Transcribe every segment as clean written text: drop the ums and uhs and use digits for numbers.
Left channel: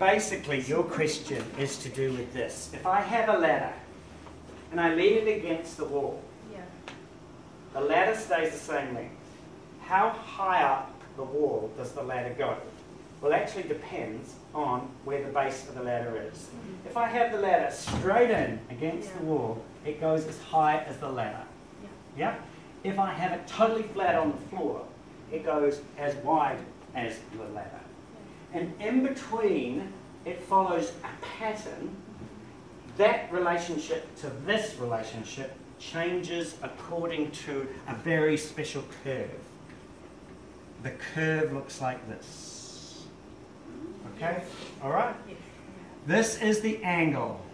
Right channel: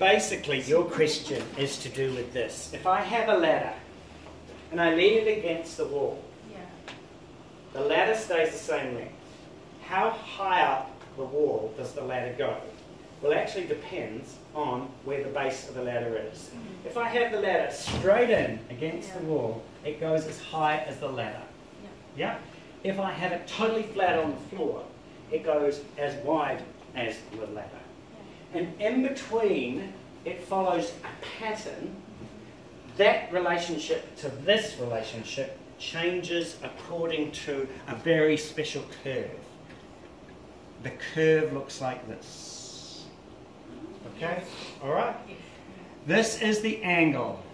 basically your question is to do with this. If I have a ladder and I lean it against the wall, the ladder stays the same length. How high up the wall does the ladder go? Well, actually depends on where the base of the ladder is. If I have the ladder straight in against the wall, it goes as high as the ladder. Yeah? If I have it totally flat on the floor, it goes as wide as the ladder. And in between, it follows a pattern. That relationship to this relationship changes according to a very special curve. The curve looks like this. Okay? All right? This is the angle.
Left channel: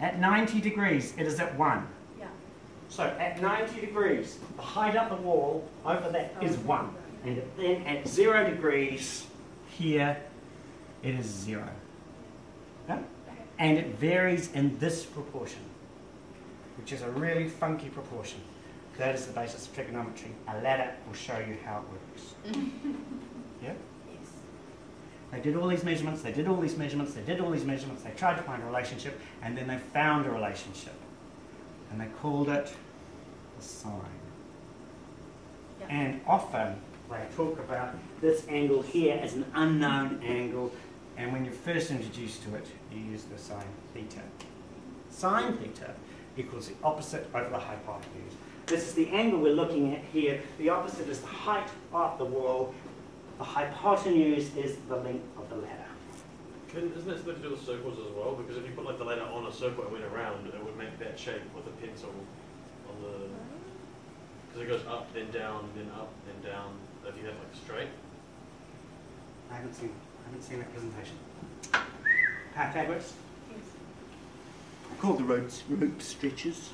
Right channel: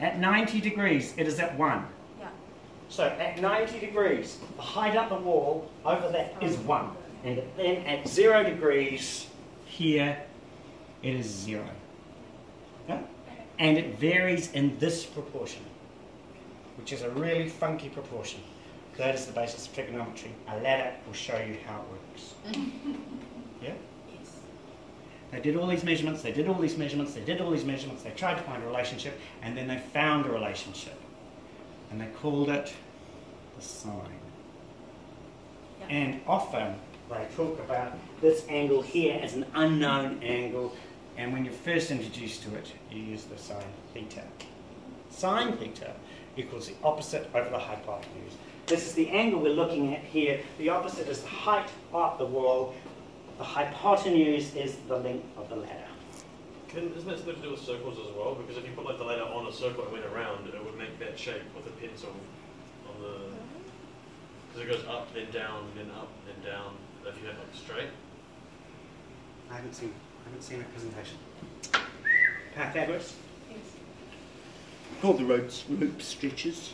At 90 degrees, it is at 1. So at 90 degrees, the height up the wall over that is 1. And then at 0 degrees, here, it is 0. Yeah? And it varies in this proportion, which is a really funky proportion. That is the basis of trigonometry. A ladder will show you how it works. Yeah? Yes. They did all these measurements, they did all these measurements, they did all these measurements, they tried to find a relationship, and then they found a relationship. And they called it the sine. Yep. And often they talk about this angle here as an unknown angle, and when you're first introduced to it, you use the sine theta. Sine theta equals the opposite over the hypotenuse. This is the angle we're looking at here. The opposite is the height of the wall. The hypotenuse is the length of the ladder. Isn't that something to do with circles as well? Because if you put like the ladder on a circle and went around, it would make that shape with a pencil on the... Because it goes up, then down, then up, then down. If you have like straight. I haven't seen a presentation. Pythagoras? Yes. Called the rope stretches.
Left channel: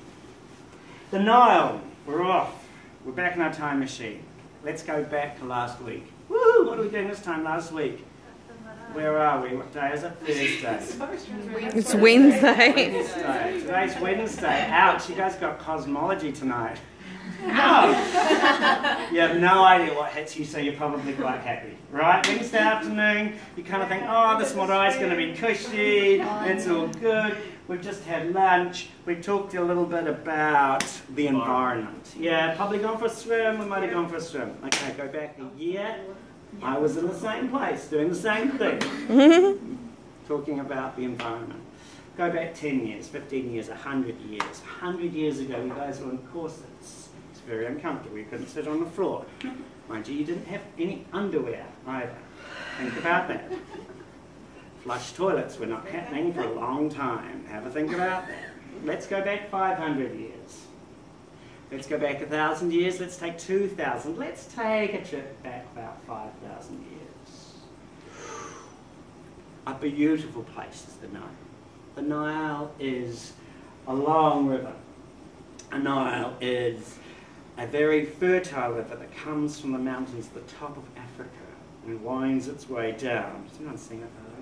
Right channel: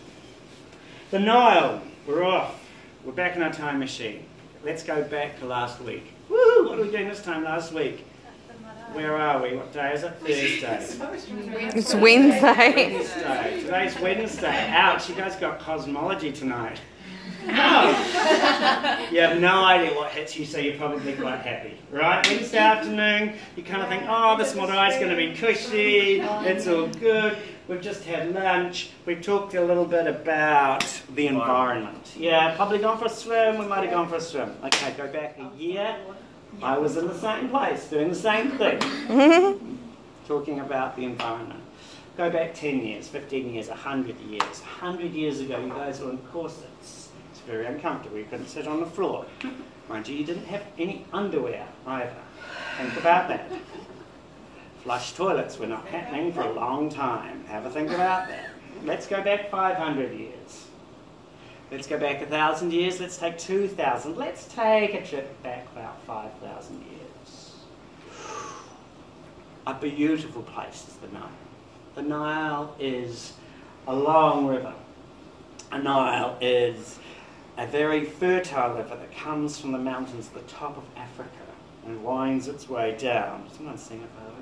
The Nile. We're off. We're back in our time machine. Let's go back to last week. Woo! What are we doing this time last week? Where are we? What day is it? Thursday. It's Wednesday. Wednesday. Today's Wednesday. Ouch, you guys got cosmology tonight. Oh. You have no idea what hits you, so you're probably quite happy. Right? Wednesday afternoon, you kind of think, oh, this Morai's going to be cushy, it's all good. We've just had lunch. We've talked a little bit about the environment. Yeah, probably gone for a swim. We might have gone for a swim. Okay, go back a year. I was in the same place, doing the same thing. Talking about the environment. Go back 10 years, 15 years, 100 years. 100 years ago, you guys were in corsets. It's very uncomfortable. You couldn't sit on the floor. Mind you, you didn't have any underwear either. Think about that. Flush toilets were not happening for a long time. Have a think about that. Let's go back 500 years. Let's go back 1,000 years. Let's take 2,000. Let's take a trip back about 5,000 years. A beautiful place is the Nile. The Nile is a long river. The Nile is a very fertile river that comes from the mountains at the top of Africa and winds its way down. Has anyone seen it, by the way?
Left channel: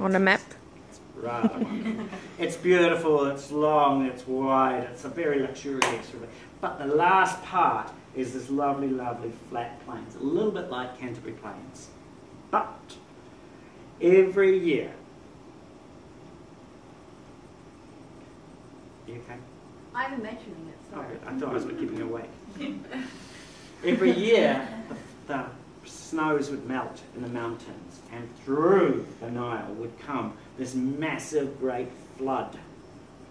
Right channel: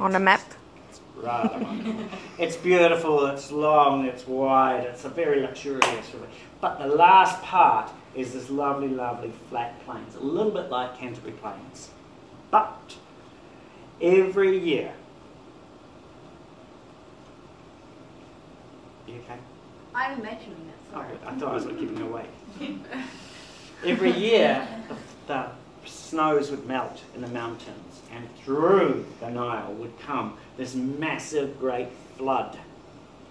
On a map? It's rather wonderful. It's beautiful, it's long, it's wide, it's a very luxurious river. But the last part is this lovely, lovely flat plains, a little bit like Canterbury Plains. But every year... You okay? I'm imagining it. Sorry. I thought I was giving it away. Every year, the snows would melt in the mountains, and through the Nile would come this massive, great flood.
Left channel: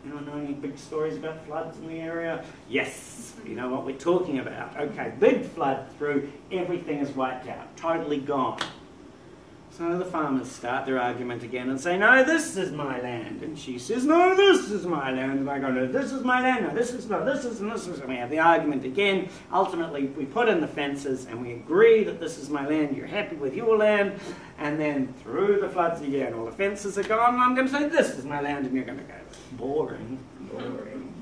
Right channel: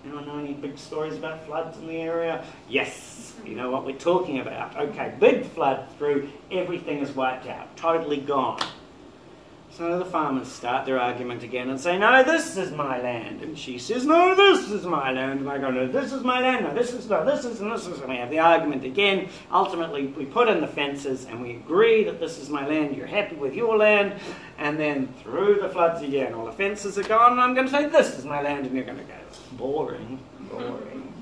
Anyone know any big stories about floods in the area? Yes, you know what we're talking about. Okay, big flood through, everything is wiped out, totally gone. So the farmers start their argument again and say, no, this is my land. And she says, no, this is my land. And I go, no, this is my land. No, this is, no, this is, and this is. And we have the argument again. Ultimately, we put in the fences and we agree that this is my land. You're happy with your land. And then through the floods again, all the fences are gone. And I'm going to say, this is my land. And you're going to go, boring, boring.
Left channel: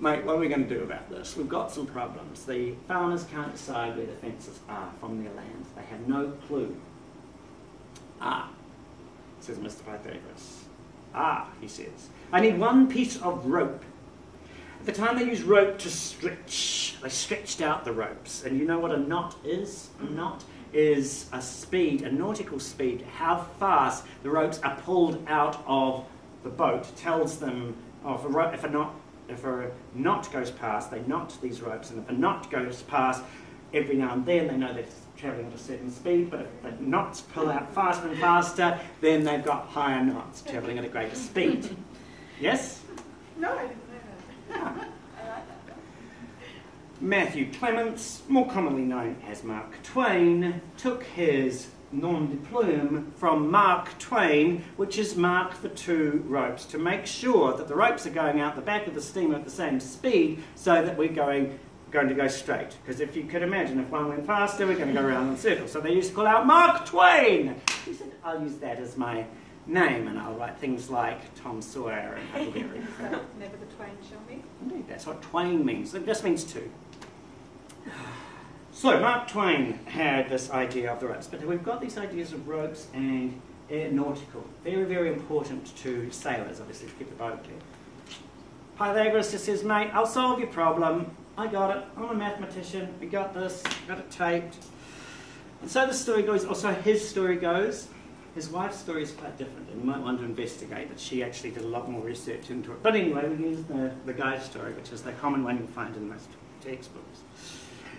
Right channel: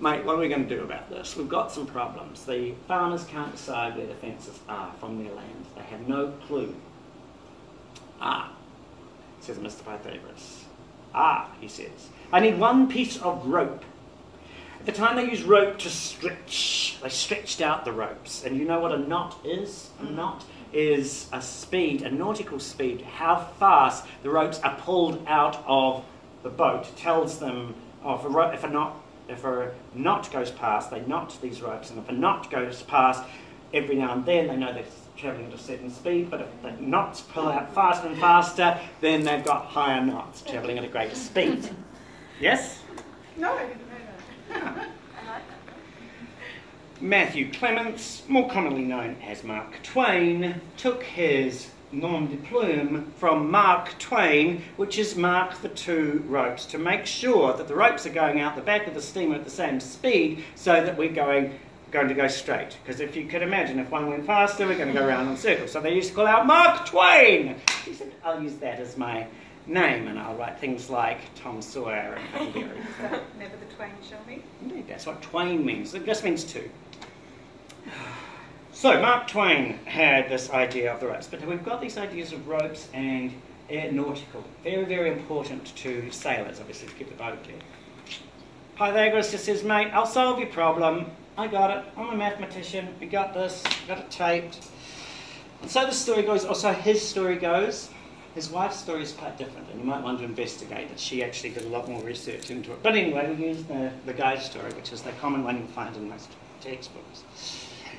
Mate, what are we going to do about this? We've got some problems. The farmers can't decide where the fences are from their land. They have no clue. Ah, says Mr. Pythagoras. Ah, he says, I need one piece of rope, At the time they used rope to stretch, they stretched out the ropes. And you know what a knot is? A knot is a speed, a nautical speed, how fast the ropes are pulled out of the boat. Tells them if a knot goes past, they knot these ropes, and if a knot goes past, every now and then they know they're travelling at a certain speed, but if the knots pull out faster and faster, then they've got higher knots, travelling at a greater speed. Yes? No, I didn't know that. Matthew Clements, more commonly known as Mark Twain, took his nom de plume from Mark Twain, which is mark the two ropes, to make sure that the ropes are going out the back of the steamer at the same speed so that we're going to go straight. Because if you could imagine, if one went faster, we're going to go around in circles. So they used to call out Mark Twain. He said, I'll use that as my name and I'll write things like Tom Sawyer and Huckleberry. Never the twain shall meet. Indeed, that's what Twain means. It just means two. So Mark Twain had this idea of the ropes, but we've got these ideas of ropes and nautical. Very, very important to sailors, obviously, to keep the boat clear. Pythagoras just says, mate, I'll solve your problem. I got it. I'm a mathematician. We got this. Got it taped. And so the story goes, also his story goes. His wife's story is quite different, and you might want to investigate that she actually did a lot more research into it. But anyway, we use the guy's story, which is the common one you'll find in most textbooks.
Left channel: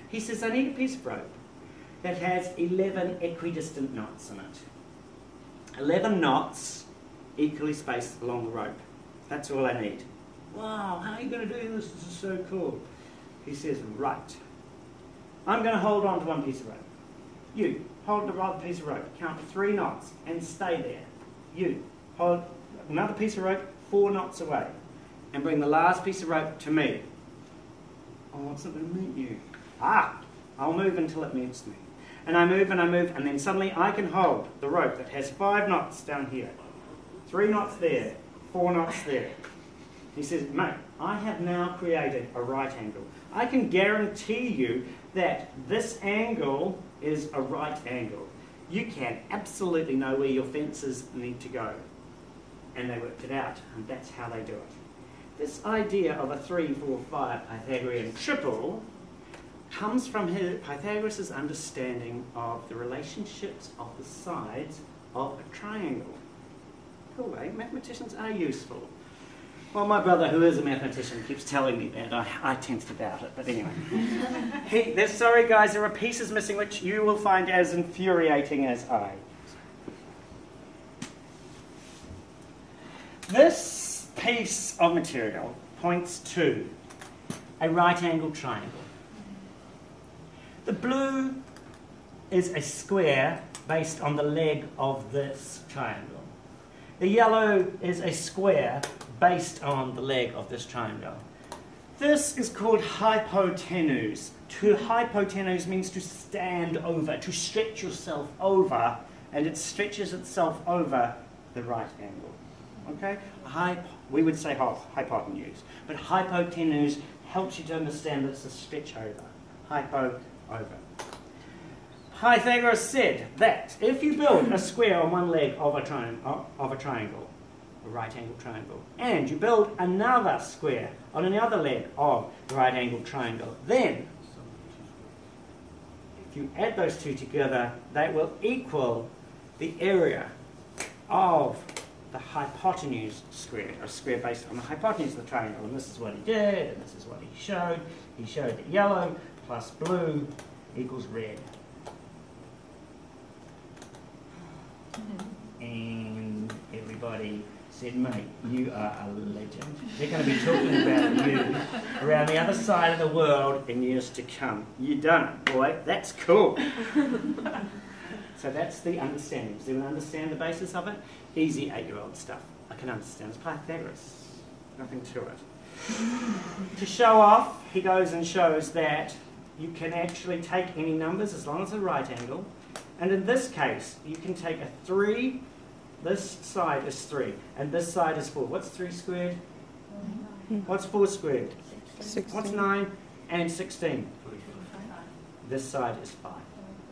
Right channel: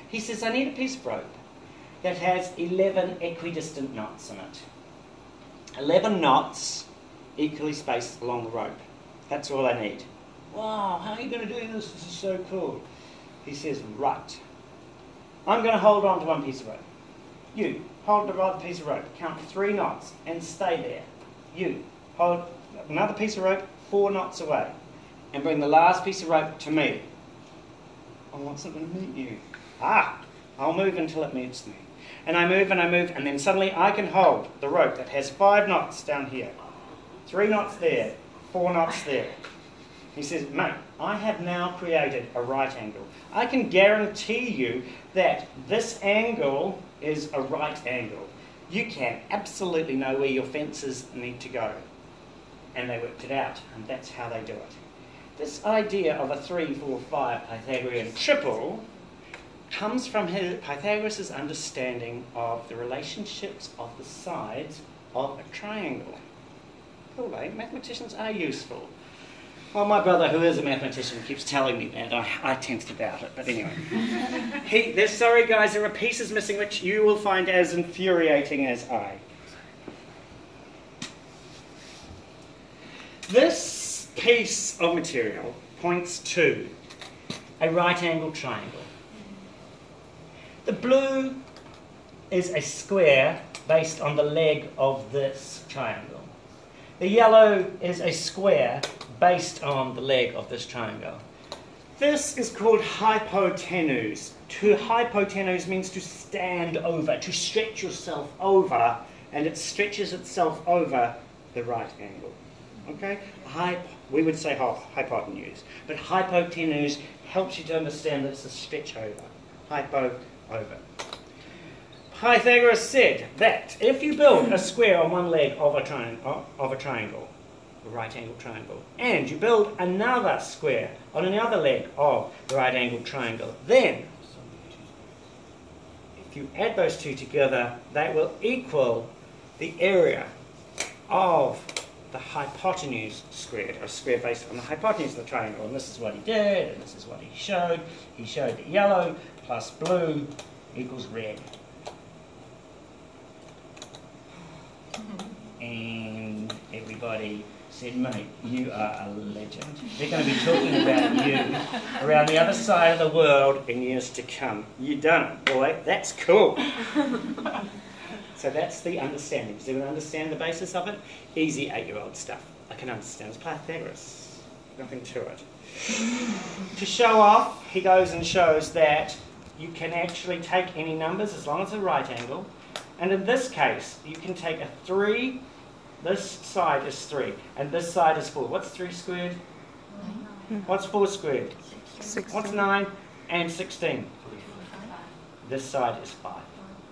He says, I need a piece of rope that has 11 equidistant knots in it. 11 knots equally spaced along the rope. That's all I need. Wow, how are you going to do this? This is so cool. He says, right. I'm going to hold on to one piece of rope. You, hold the other piece of rope. Count 3 knots and stay there. You, hold another piece of rope 4 knots away and bring the last piece of rope to me. I want something to meet you. I'll move until it meets me. And I move, and then suddenly I can hold the rope that has 5 knots down here, 3 knots there, 4 knots there. He says, mate, I have now created a right angle. I can guarantee you that this angle is a right angle. You can absolutely know where your fences need to go. And they worked it out, and that's how they do it. This idea of a 3, 4, 5 Pythagorean triple comes from Pythagoras' understanding of the relationships of the sides of a triangle. Cool, eh? Mathematicians are useful. Well, my brother, who is a mathematician, keeps telling me that. I tend to doubt it, but anyway. Sorry, guys, there are pieces missing which you will find as infuriating as I. This piece of material points to a right-angled triangle. The blue is a square based on the leg of this triangle. The yellow is a square based on the leg of this triangle. This is called hypotenuse. To hypotenuse means to stand over, to stretch yourself over, and it stretches itself over the right angle. Okay? We would say hypotenuse, but hypotenuse helps you to understand that it's a stretch over. Hypo, over. Pythagoras said that if you build a square on one leg of a triangle, a right-angled triangle, and you build another square on another leg of the right-angled triangle, then if you add those two together, they will equal the area of the hypotenuse squared, a square based on the hypotenuse of the triangle. And this is what he did, and this is what he showed. He showed that yellow plus blue equals red. And everybody said, mate, you are a legend. They're going to be talking about you around the other side of the world in years to come. You done it, boy. That's cool. So that's the understanding. Does anyone understand the basis of it? Easy 8-year-old stuff. I can understand. It's Pythagoras. Nothing to it. To show off, he goes and shows that you can actually take any numbers as long as it's a right angle. And in this case, you can take a 3. This side is 3, and this side is 4. What's 3 squared? 9. What's 4 squared? 16. What's 9 and 16? This side is 5.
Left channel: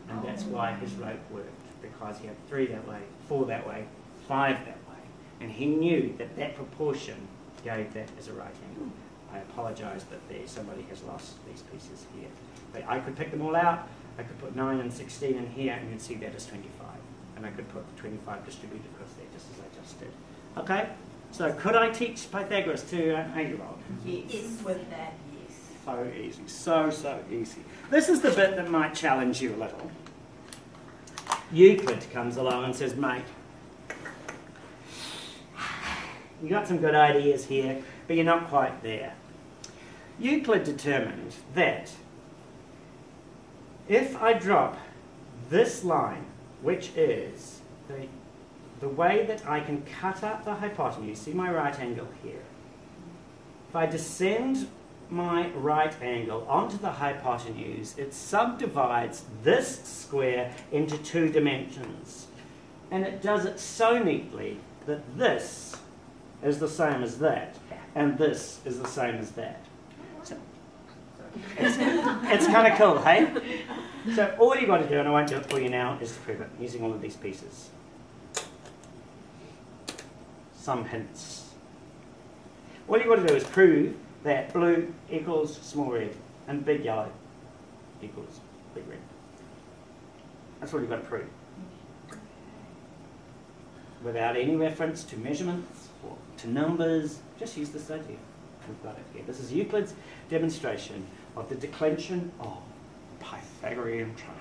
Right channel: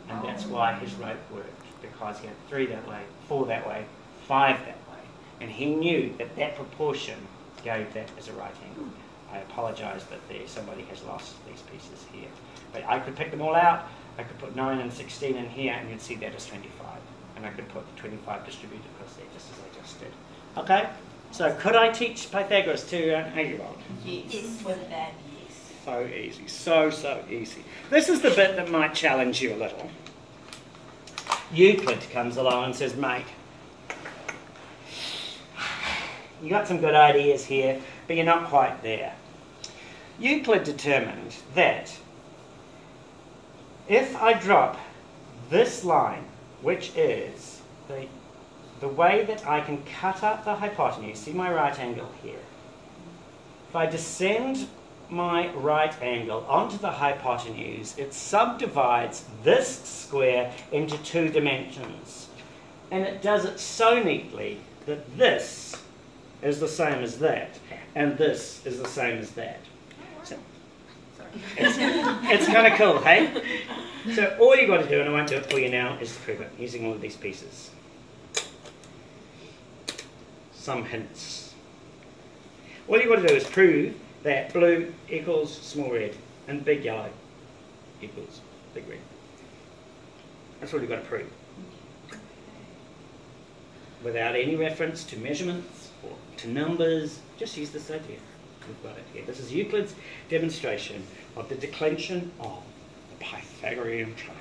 And that's why his rope worked, because he had 3 that way, 4 that way, 5 that way. And he knew that that proportion gave that as a right angle. I apologise, but somebody has lost these pieces here. But I could pick them all out. I could put 9 and 16 in here, and you'd see that as 25. And I could put the 25 distributed across there, just as I just did. Okay? So could I teach Pythagoras to an 8-year-old? Yes, with that, yes. So easy, so easy. This is the bit that might challenge you a little. Euclid comes along and says, mate, you got some good ideas here, but you're not quite there. Euclid determined that if I drop this line, which is the way that I can cut up the hypotenuse, see my right angle here. If I descend my right angle onto the hypotenuse, it subdivides this square into 2 dimensions. And it does it so neatly that this is the same as that, and this is the same as that. So, it's kind of cool, hey? So all you've got to do, and I won't do it for you now, is to prove it using all of these pieces. Some hints. All you've got to do is prove that blue equals small red, and big yellow equals big red. That's all you've got to prove. Without any reference to measurements or to numbers, just use this idea. We've got it here. This is Euclid's demonstration of the declension of the Pythagorean triangle.